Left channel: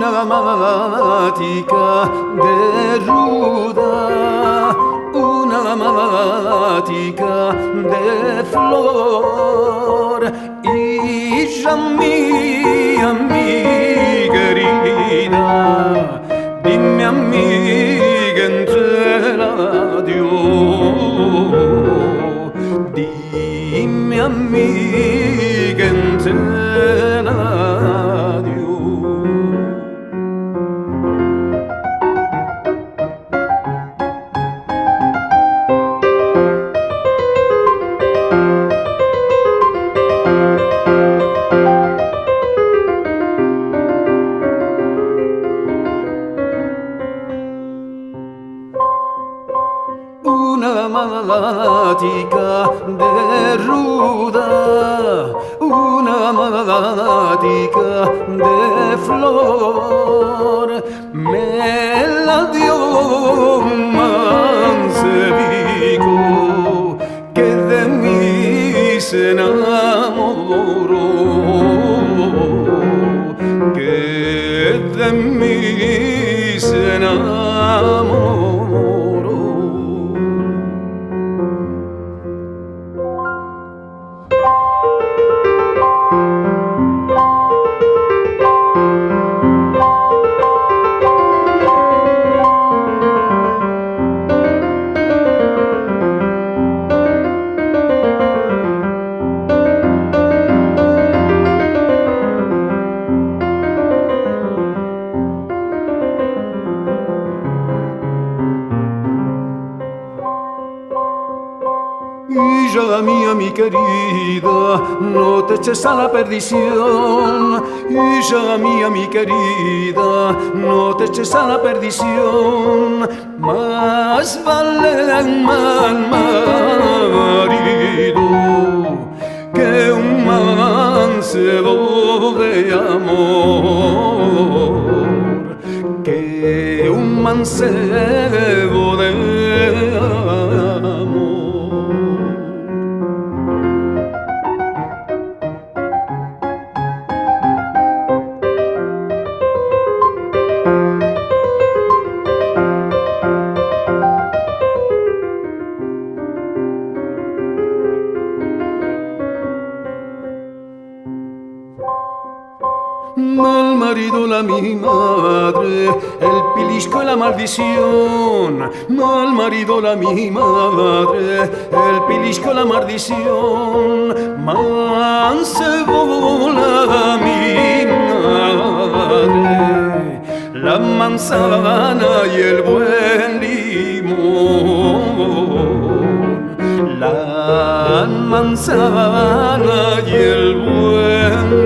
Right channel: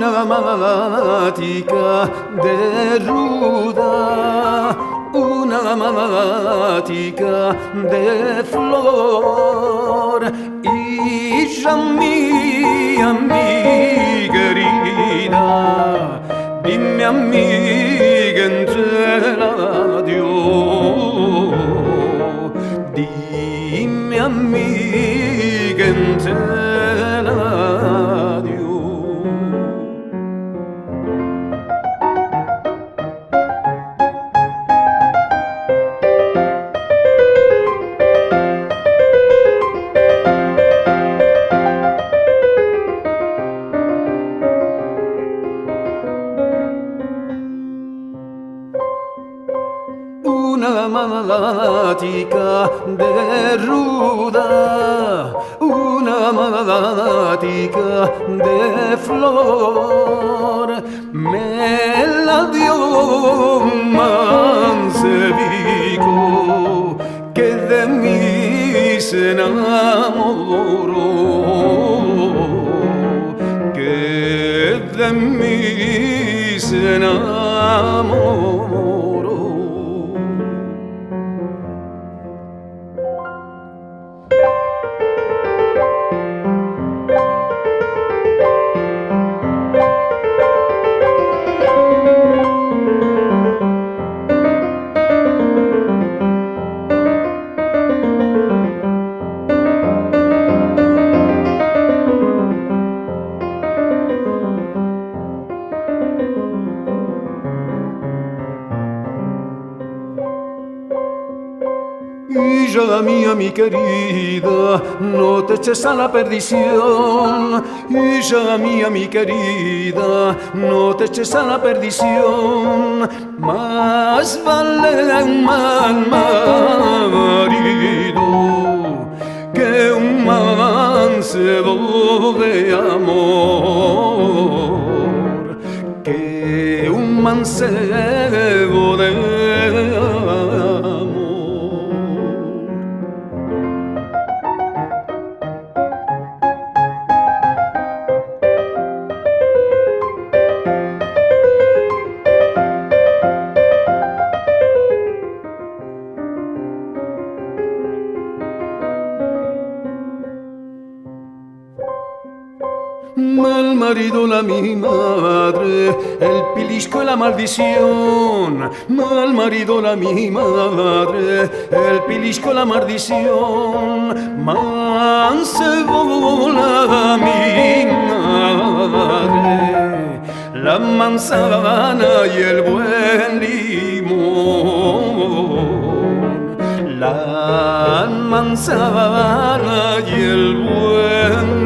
una mática de ruda, una mática de flor, hija mía, mi querida, dime amiga, entre la dio, dime amiga, entre la dio. Una mática de ruda, una mática de flor, me la dio Mancebico, que de mí se enamoró, que de mí se enamoró. Hija mía, mi querida, no te eches a la perdición. Hija mía, mi querida, no te eches a la perdición. Más vale un mal marido que un mancebo de amor, que un mancebo de amor. Mal marido la mi madre, el pilisco y la maldición. Mal marido la mi madre, el pilisco y la maldición. Mancebo la mi madre, la manzana y el buen limón. La manzana y el buen